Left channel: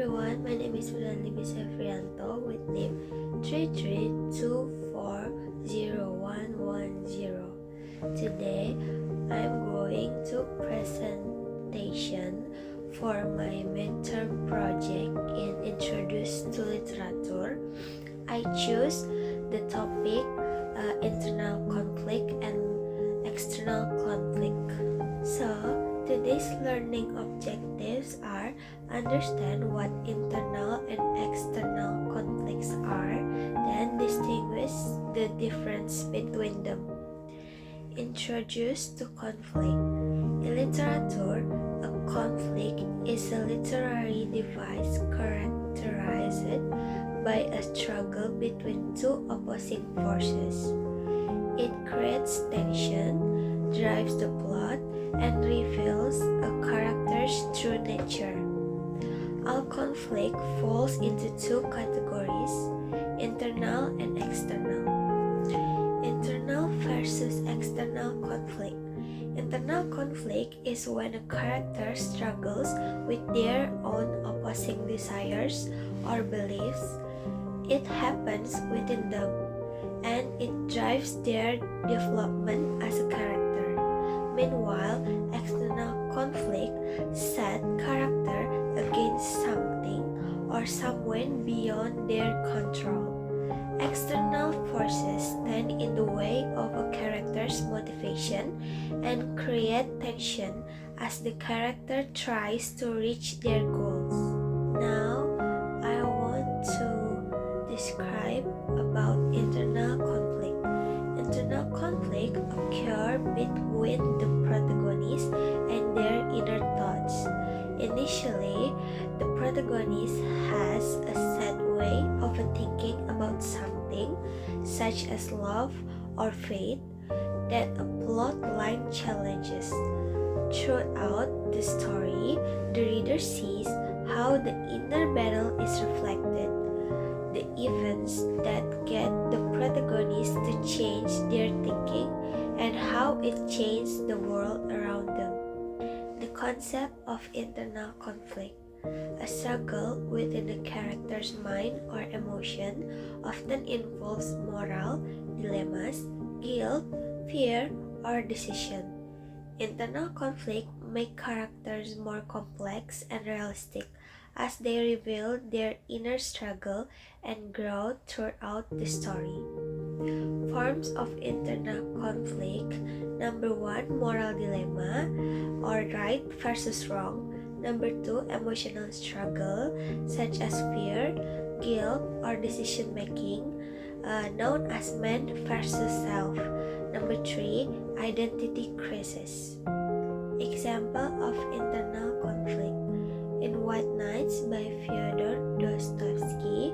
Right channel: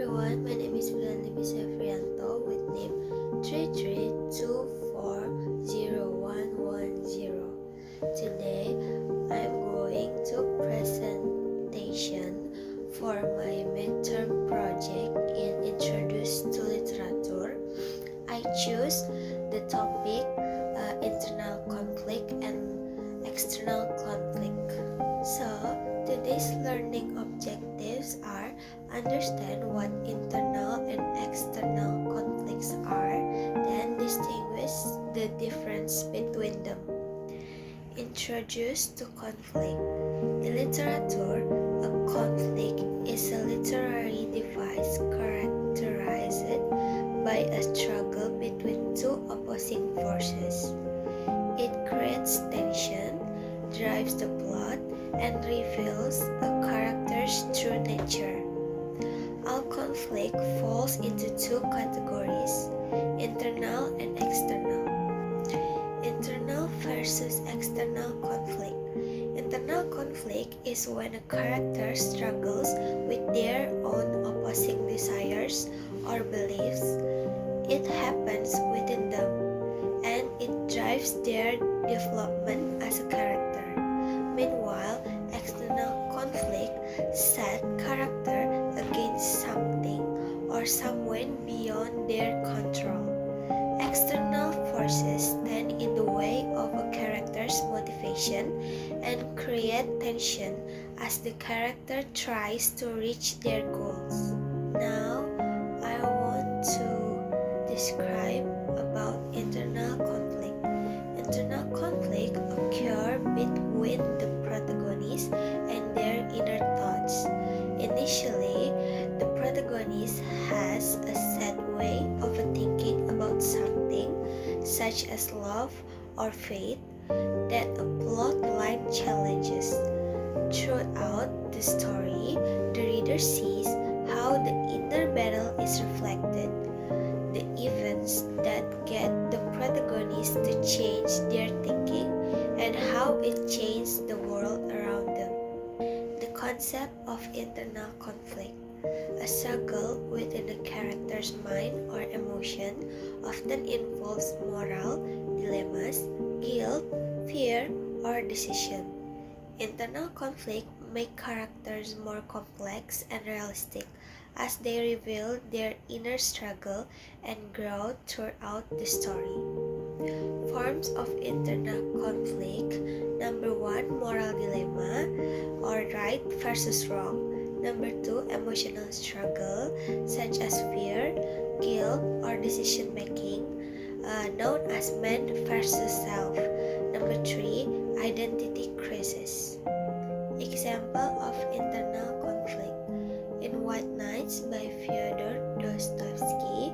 everyone, my name is Friendly Bisefrianto with name 33240110. Today, I'm going to presentation for my midterm project in Introduce to Literature. I choose the topic internal conflict and external conflict. So, today's learning objectives are understand what internal and external conflicts are, then distinguish the difference between them. Introduce to conflict. In literature, a conflict is a literary device characterized by a struggle between two opposing forces. It creates tension, drives the plot, and reveals a character's true nature. All conflict falls into two categories, internal and external. Internal versus external conflict. Internal conflict is when a character struggles with their own opposing desires or beliefs. It happens within them, and it drives their development as a character. Meanwhile, external conflict set character against something or someone beyond their control. External forces stand in the way of a character's motivation and create tension as the character tries to reach their goals. Now, I want to describe about internal conflict. Internal conflict occur between the protagonist and their inner thoughts. Initially, the protagonist has a set way of thinking about something, such as love or faith, that a plot line challenges. Throughout the story, the reader sees how the inner battle is reflected. The events that get the protagonist to change their thinking and how it changed the world around them. The concept of internal conflict. A struggle within a character's mind or emotion often involves moral dilemmas, guilt, fear, or decision. Internal conflict make characters more complex and realistic as they reveal their inner struggle and growth throughout the story. Forms of internal conflict. Number 1, moral dilemma or right versus wrong. Number 2, emotional struggle such as fear, guilt, or decision making, known as man versus self. Number 3, identity crisis. Example of internal conflict. In White Nights by Fyodor Dostoevsky,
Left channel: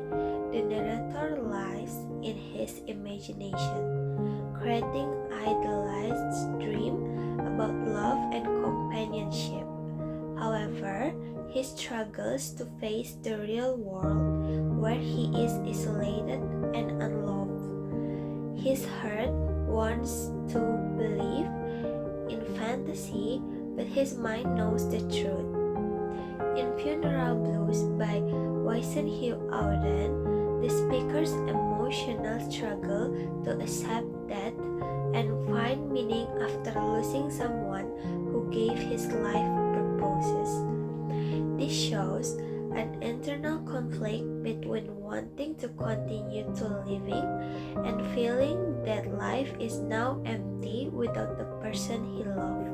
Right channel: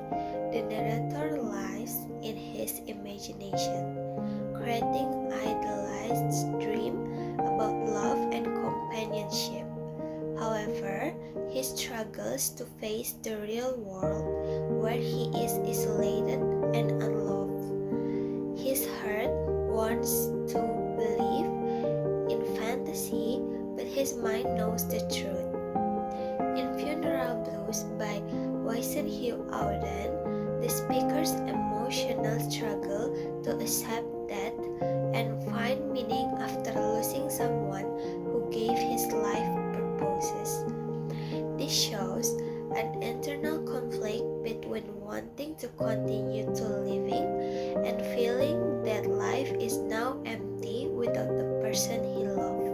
the narrator lives in his imagination, creating idealized dream about love and companionship. However, he struggles to face the real world where he is isolated and unloved. His heart wants to believe in fantasy, but his mind knows the truth. In Funeral Blues by Weissenhue Auden, the speaker's emotional struggle to accept death and find meaning after losing someone who gave his life purposes. This shows an internal conflict between wanting to continue to living and feeling that life is now empty without the person he loved.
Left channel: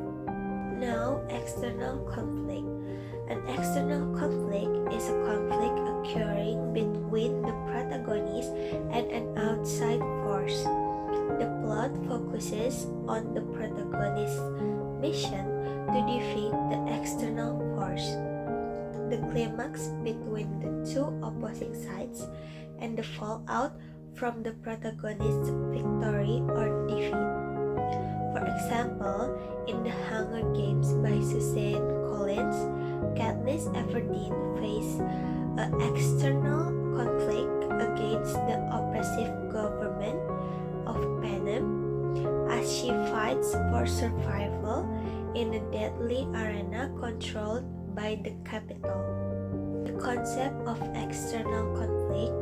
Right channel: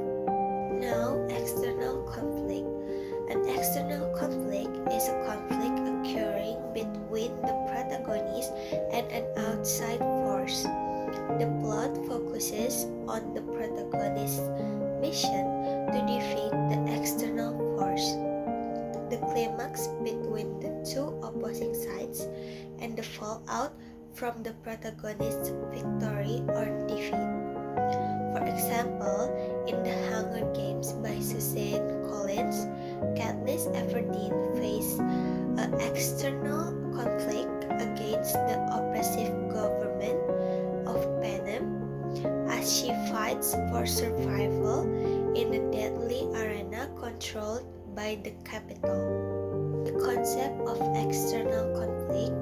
Now, external conflict. An external conflict is a conflict occurring between the protagonist and an outside force. The plot focuses on the protagonist's mission to defeat the external force. The climax between the two opposing sides and the fallout from the protagonist's victory or defeat. For example, in The Hunger Games by Suzanne Collins, Katniss Everdeen faces an external conflict against the oppressive government of Panem as she fights for survival in a deadly arena controlled by the Capitol. The concept of external conflict.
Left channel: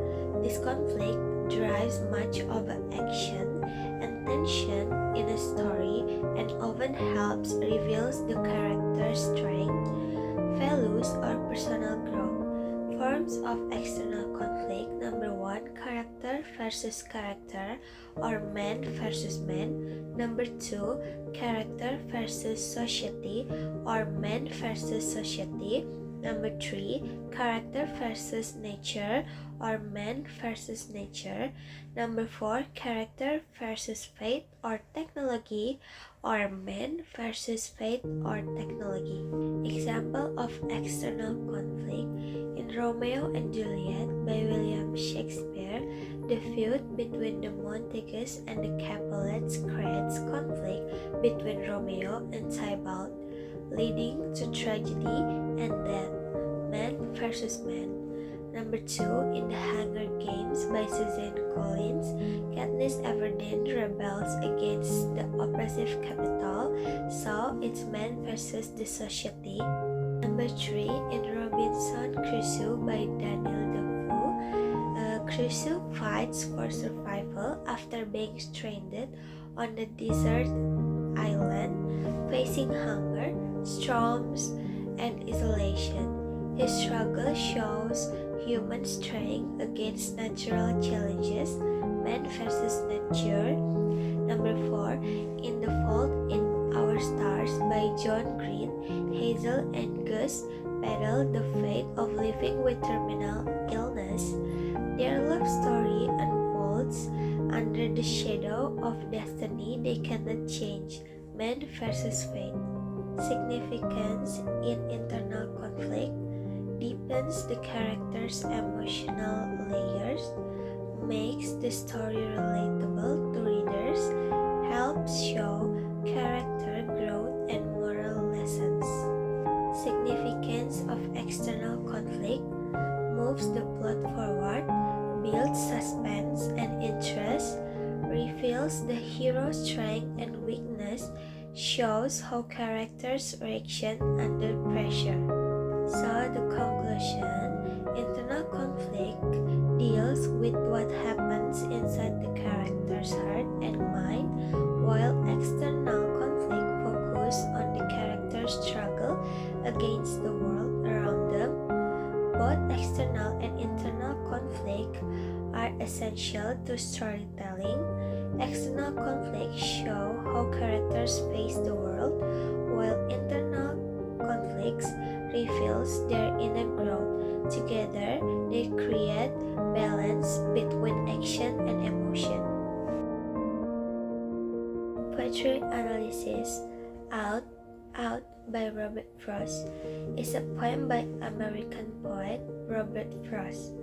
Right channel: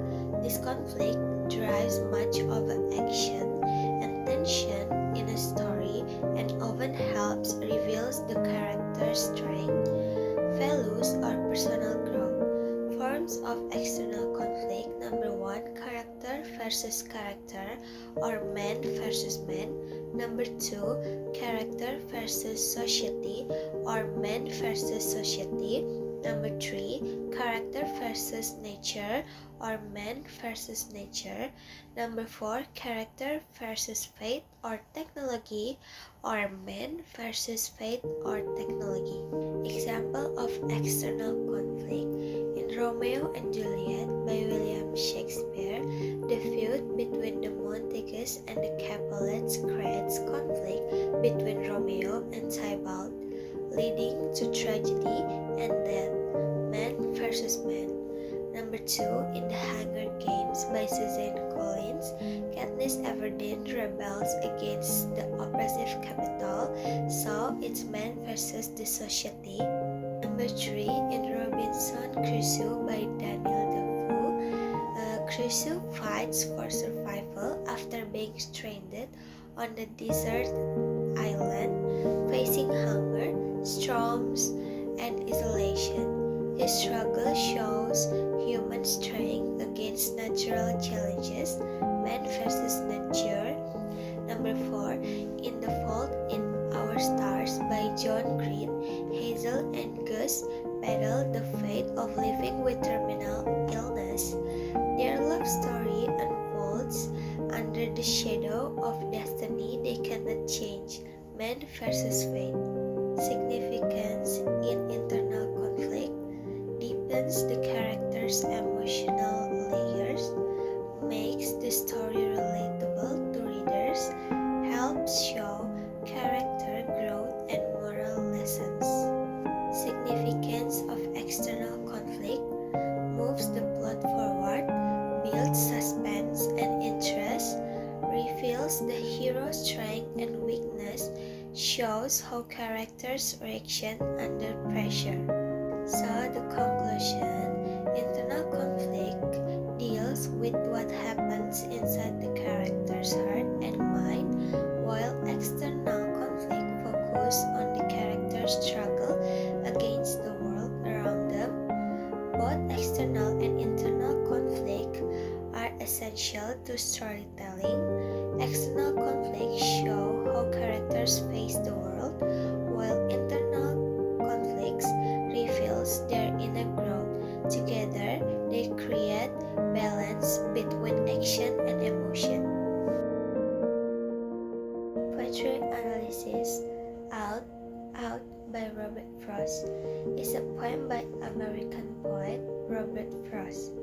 This conflict drives much of the action and tension in a story and often helps reveals the character's strength, values, or personal growth. Forms of external conflict. Number 1, character versus character or man versus man. Number 2, character versus society or man versus society. Number 3, character versus nature or man versus nature. Number 4, character versus fate or technology or man versus fate or technology. Example of external conflict. In Romeo and Juliet by William Shakespeare, the feud between the Montagues and the Capulets creates conflict between Romeo and Tybalt, leading to tragedy and death. Man versus man. Number 2, in The Hunger Games by Suzanne Collins, Katniss Everdeen rebels against the oppressive capital, so it's man versus the society. Number 3, in Robinson Crusoe by Daniel Defoe, Crusoe fights for survival after being stranded on the desert island, facing hunger, storms, and isolation. His struggle shows human strength against natural challenges, man versus nature. Number 4, in The Fault in Our Stars by John Green, Hazel and Gus battle the fate of living with terminal illness. Their love story unfolds under the shadow of destiny they cannot change, man versus fate. Significance in internal conflict. Deepens the character's emotional layers, makes the story relatable to readers, helps show character growth and moral lessons. Significance of external conflict. Moves the plot forward, builds suspense and interest, reveals the hero's strength and weakness, shows how characters reaction under pressure. So the conclusion, internal conflict deals with what happens inside the character's heart and mind, while external conflict focuses on the character's struggle against the world around them. Both external and internal conflict are essential to storytelling. External conflicts show how characters face the world, while internal conflicts reveals their inner growth. Together, they create balance between action and emotion. Poetry analysis. Out by Robert Frost is a poem by American poet Robert Frost,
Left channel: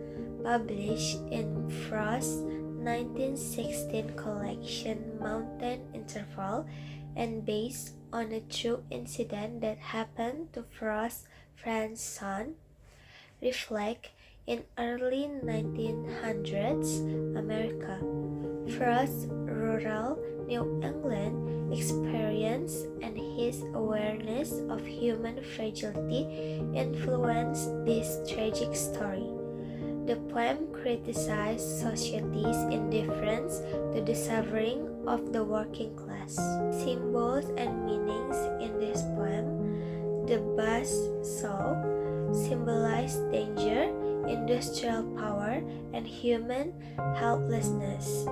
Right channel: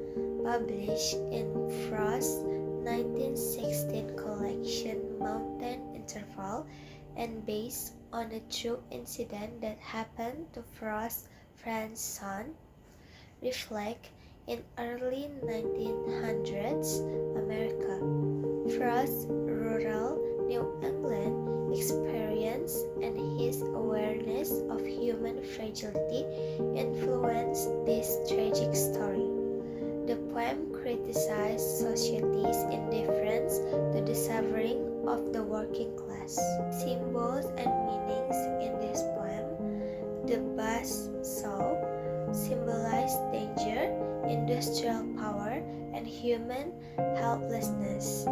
published in Frost's 1916 collection Mountain Interval and based on a true incident that happened to Frost's friend's son. Reflect in early 1900s America. Frost's rural New England experience and his awareness of human fragility influenced this tragic story. The poem criticized society's indifference to the suffering of the working class. Symbols and meanings in this poem. The buzz saw symbolized danger, industrial power, and human helplessness.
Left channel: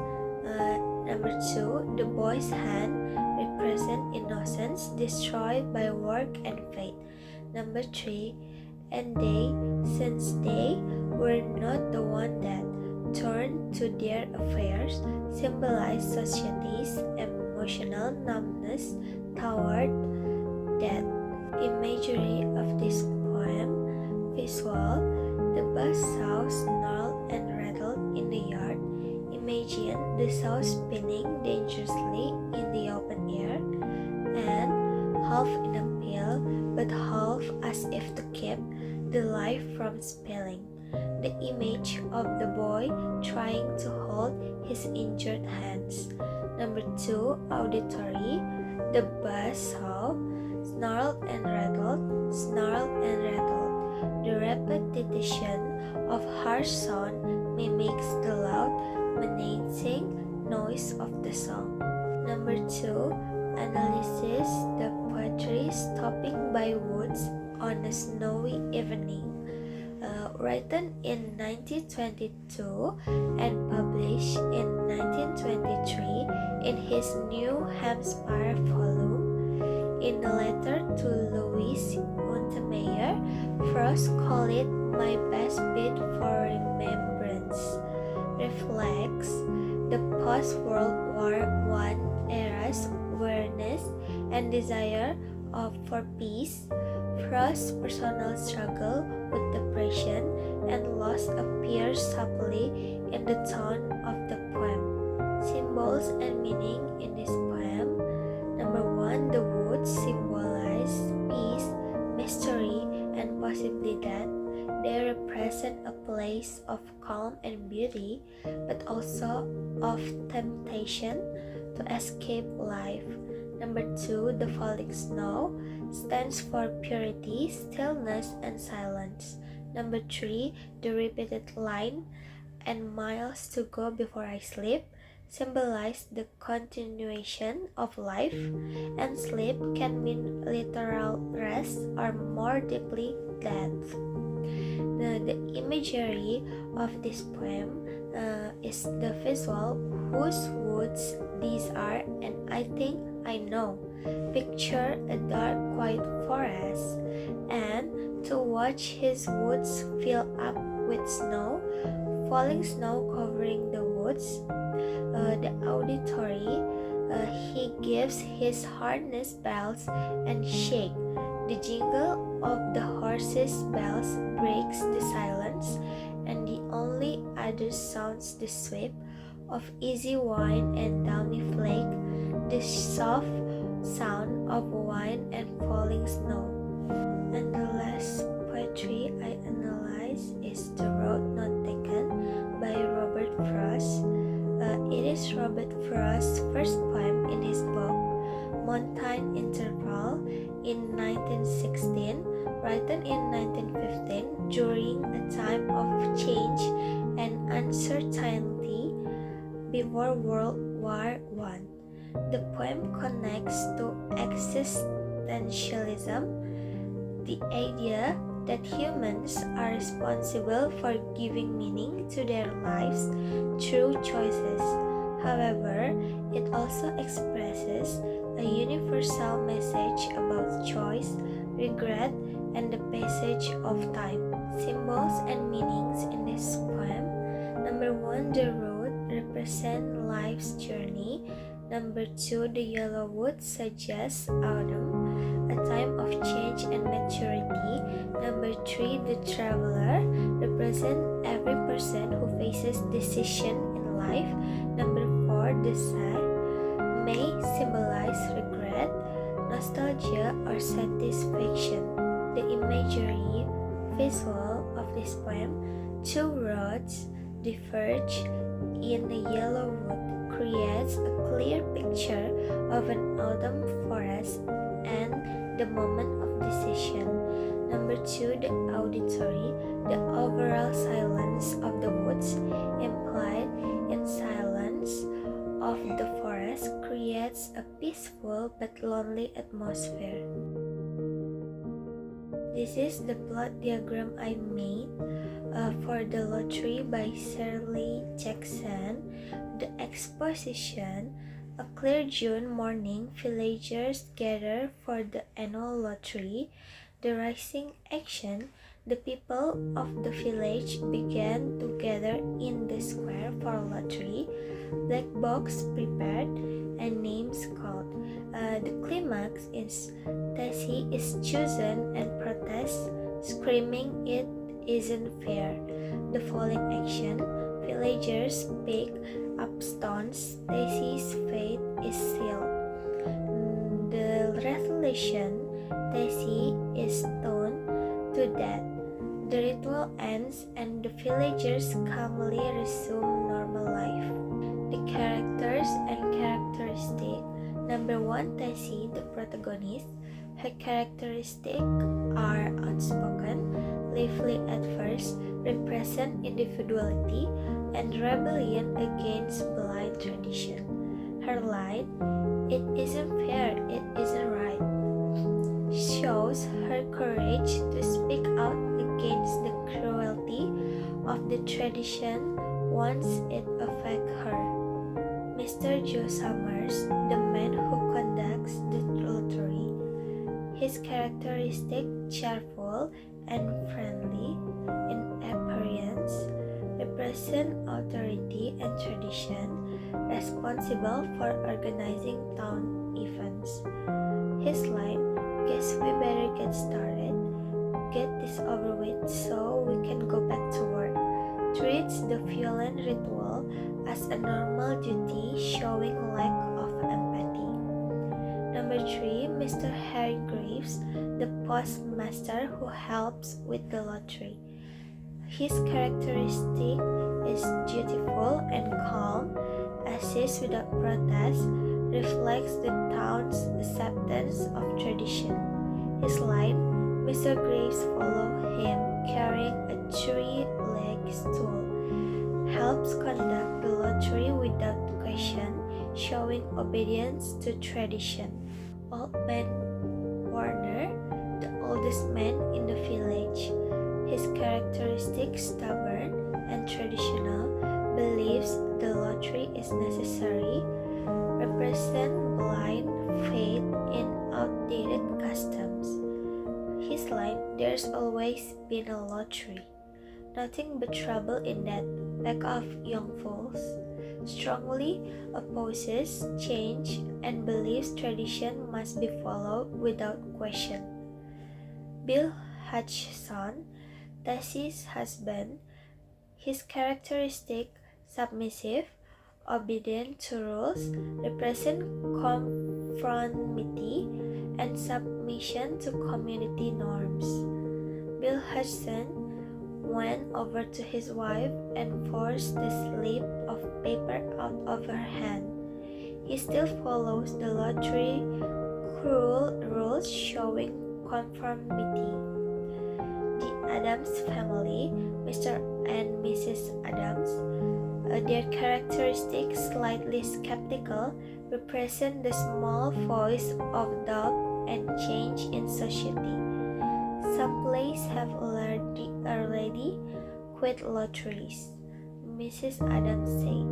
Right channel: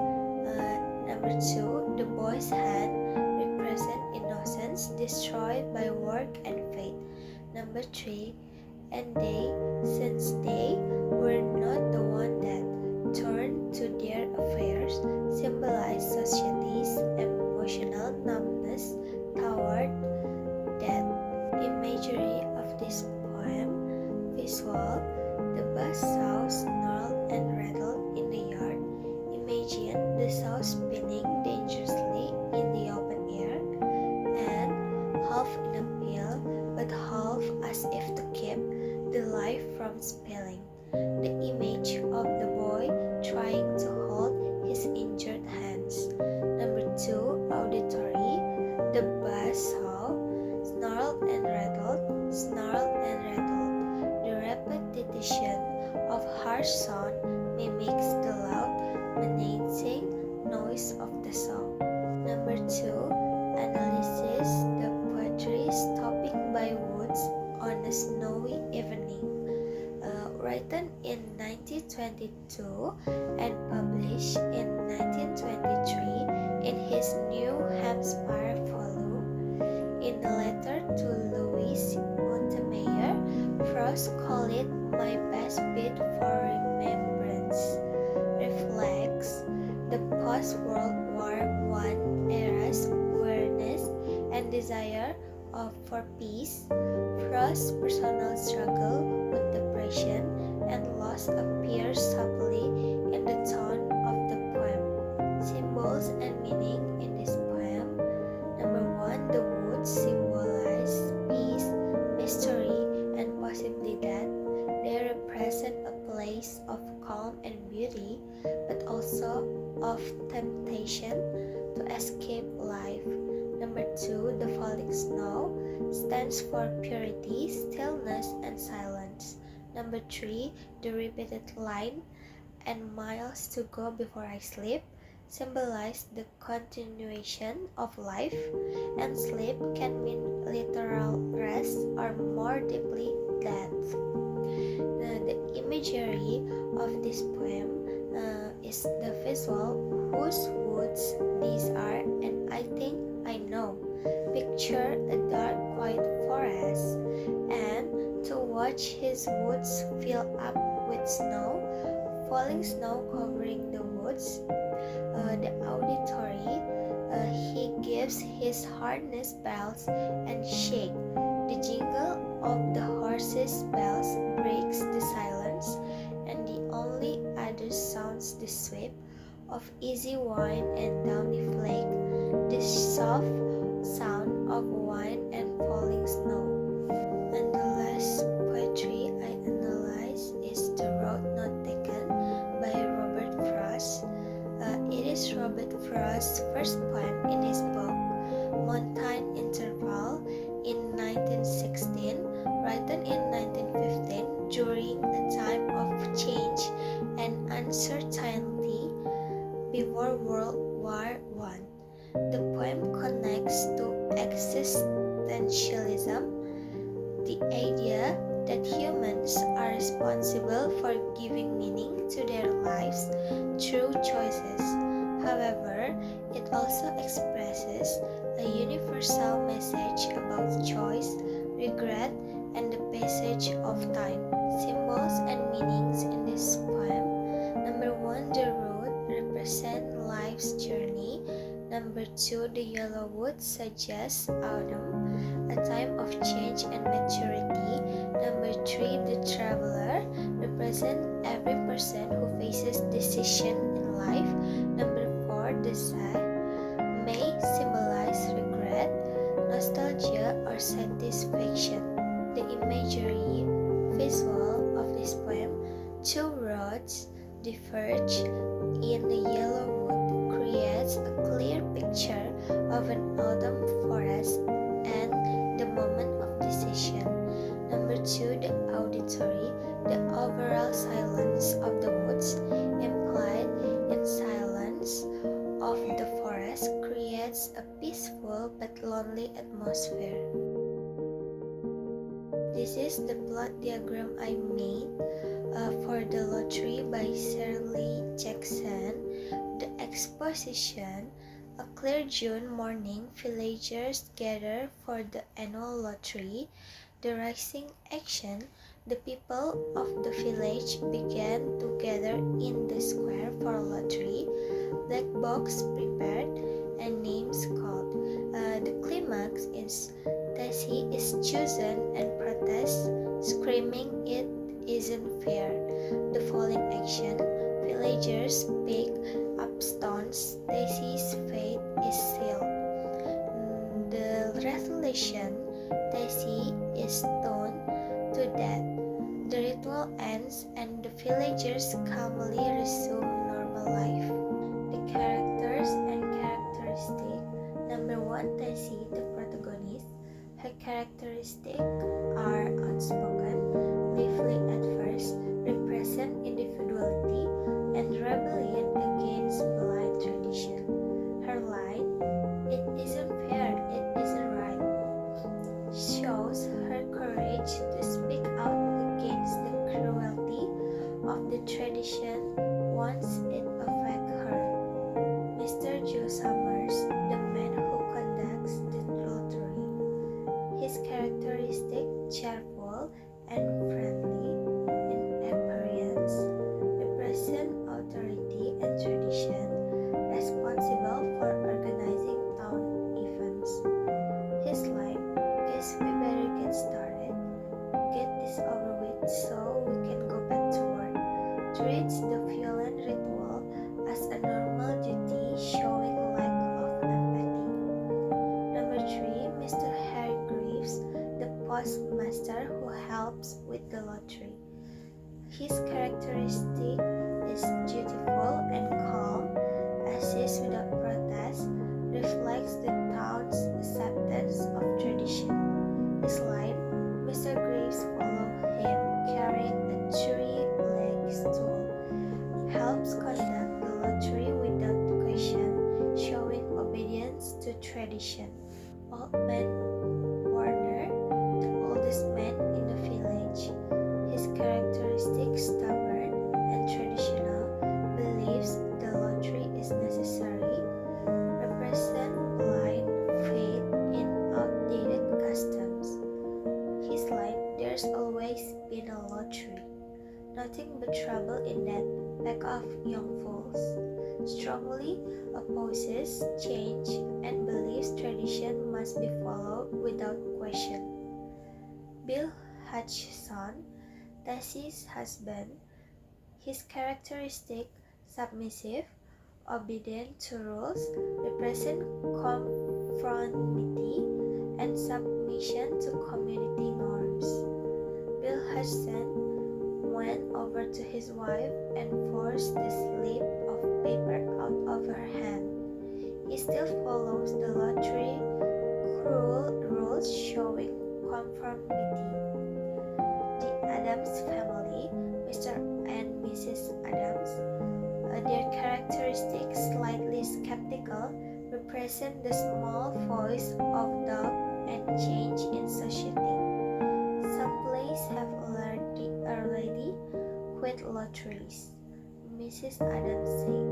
Number 2, the boy's hand represent innocence destroyed by work and fate. Number 3, and they, since they were not the one that turned to their affairs, symbolize society's emotional numbness toward death. Imagery of this poem. Visual. The bus saw snarled and rattled in the yard. Imagine the saw spinning dangerously in the open air, and half in a pail, but half as if to keep the life from spilling. The image of the boy trying to hold his injured hands. Number 2, auditory. The bus saw snarled and rattled, snarled and rattled. The repetition of harsh sound mimics the loud, menacing noise of the song. Number 2, analysis the poetry Stopping by Woods on a Snowy Evening. Written in 1922 and published in 1923 in his New Hampshire volume. In a letter to Louis Montemayor, Frost called it my best bit for remembrance. Reflects the post-World War I era's awareness and desire for peace. Frost's personal struggle with depression and loss appear subtly in the tone of the poem. Symbols and meaning in this poem. Number 1, the woods symbolize peace, mystery, and possibly death. They represent a place of calm and beauty, but also of temptation to escape life. Number 2, the falling snow stands for purity, stillness, and silence. Number 3, the repeated line, and miles to go before I sleep, symbolize the continuation of life, and sleep can mean literal rest or more deeply death. The imagery of this poem is the visual, whose woods these are, and I think I know. Picture a dark, quiet forest, and to watch his woods fill up with snow, falling snow covering the woods. The auditory, he gives his harness bells and shake. The jingle of the horses' bells breaks the silence, and the only other sounds the sweep of easy wine and downy flake, the soft sound of wine and falling snow. And the last poetry I analyze is The Road Not Taken by Robert Frost. It is Robert Frost's first poem in his book Montane Interval in 1916, written in 1915 during a time of change and uncertainty before World War I. The poem connects to existentialism, the idea that humans are responsible for giving meaning to their lives through choices. However, it also expresses a universal message about choice, regret, and the passage of time. Symbols and meanings in this poem. Number 1, the road represents life's journey. Number 2, the yellow wood suggests autumn, a time of change and maturity. Number 3, the traveler represents every person who faces decision in life. Number 4, the sun may symbolize regret, nostalgia, or satisfaction. The imagery visual of this poem, 2 roads diverge in the yellow wood, creates a clear picture of an autumn forest and the moment of decision. Number 2, the auditory, the overall silence of the woods, implied in silence of the forest, creates a peaceful but lonely atmosphere. This is the plot diagram I made for the lottery by Shirley Jackson. The exposition. A clear June morning, villagers gather for the annual lottery. The rising action. The people of the village began to gather in the square for lottery. Black box prepared and names called. The climax is Tessie is chosen and protests, screaming it isn't fair. The falling action. Villagers pick up stones. Tessie's fate is sealed. The resolution. Tessie is stoned to death. The ritual ends and the villagers calmly resume normal life. The characters and characteristic. Number 1, Tessie, the protagonist. Her characteristics are outspoken, live bravely at first, represent individuality and rebellion against blind tradition. Her line, "It isn't fair, it isn't right," shows her courage to speak out against the cruelty of the tradition once it affects her. Mr. Joe Summers, the man who conducts the lottery, his characteristic cheerful and friendly in appearance, represent authority and tradition, responsible for organizing town events. His line, "Guess we better get started, get this over with so we can go back to work," treats the violent ritual as a normal duty, showing lack of empathy. Number 3, Mr. Harry Graves, the postmaster who helps with the lottery. His characteristic is dutiful and calm, assists without protest, reflects the town's acceptance of tradition. His line, "Mr. Graves follow him carrying a three-legged stool," helps conduct the lottery without question, showing obedience to tradition. Old Man Warner, the oldest man in the village, his characteristic stubborn and traditional, believes the lottery is necessary, represent blind faith in outdated customs. His line, "There's always been a lottery, nothing but trouble in that pack of young fools," strongly opposes change and believes tradition must be followed without question. Bill Hutchison, Tessie's husband, his characteristic submissive, obedient to rules, represent conformity and submission to community norms. Bill Hutchison went over to his wife and forced the slip of paper out of her hand. He still follows the lottery cruel rules, showing conformity. The Adams family, Mr. and Mrs. Adams, their characteristics slightly skeptical, represent the small voice of doubt and change in society. Some places have already quit lotteries, Mrs. Adams said.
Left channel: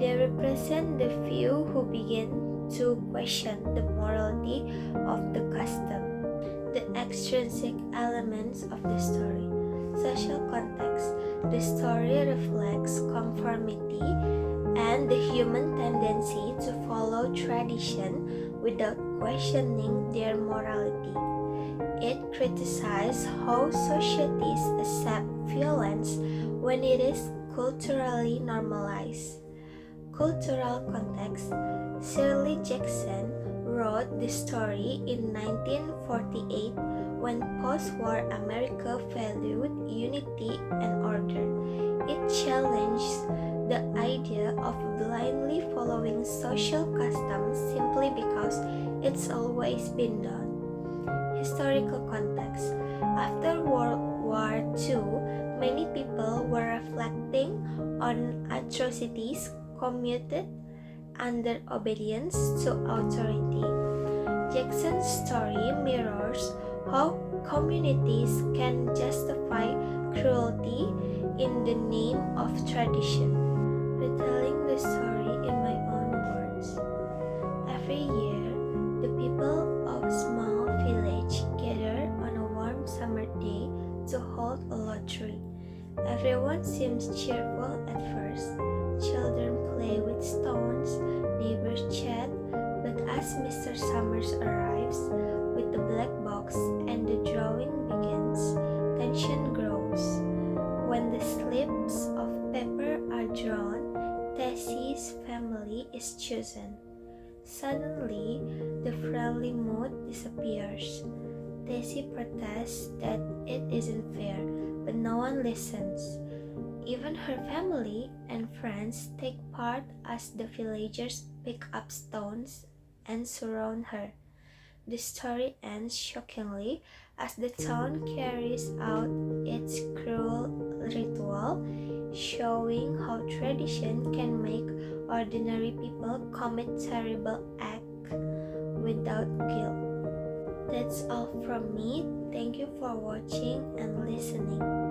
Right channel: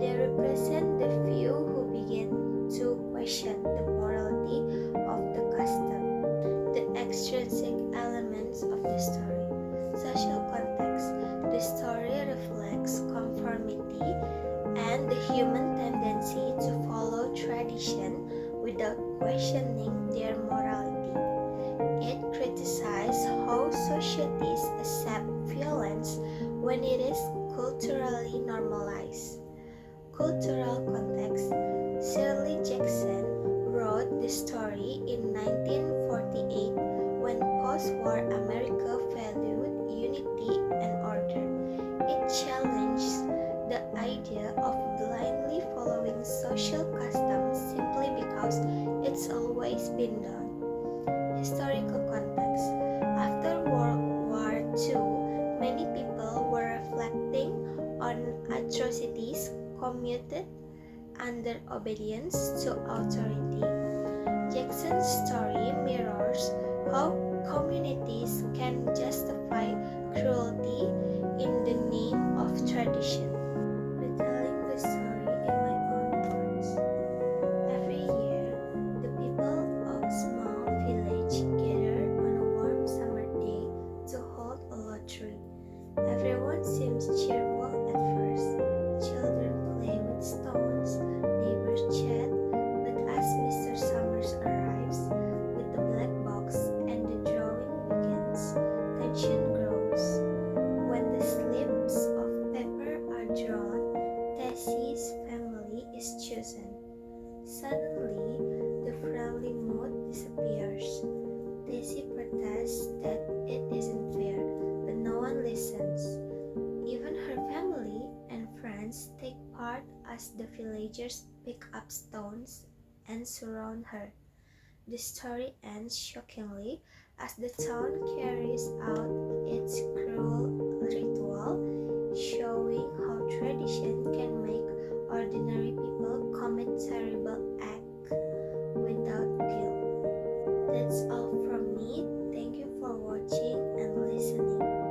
They represent the few who begin to question the morality of the custom. The extrinsic elements of the story. Social context. The story reflects conformity and the human tendency to follow tradition without questioning their morality. It criticizes how societies accept violence when it is culturally normalized. Cultural context. Shirley Jackson wrote the story in 1948 when post-war America valued unity and order. It challenges the idea of blindly following social customs simply because it's always been done. Historical context. After World War II, many people were reflecting on atrocities committed under obedience to authority. Jackson's story mirrors how communities can justify cruelty in the name of tradition. Retelling the story in my own words. Every year, the people of a small village gather on a warm summer day to hold a lottery. Everyone seems cheerful at first. Children play with stones, neighbors chat, but as Mr. Summers arrives with the black box and the drawing begins, tension grows. When the slips of paper are drawn, Tessie's family is chosen. Suddenly, the friendly mood disappears. Tessie protests that it isn't fair, but no one listens. Even her family and friends take part as the villagers pick up stones and surround her. The story ends shockingly as the town carries out its showing how tradition can make ordinary people commit terrible acts without guilt. That's all from me. Thank you for watching and listening.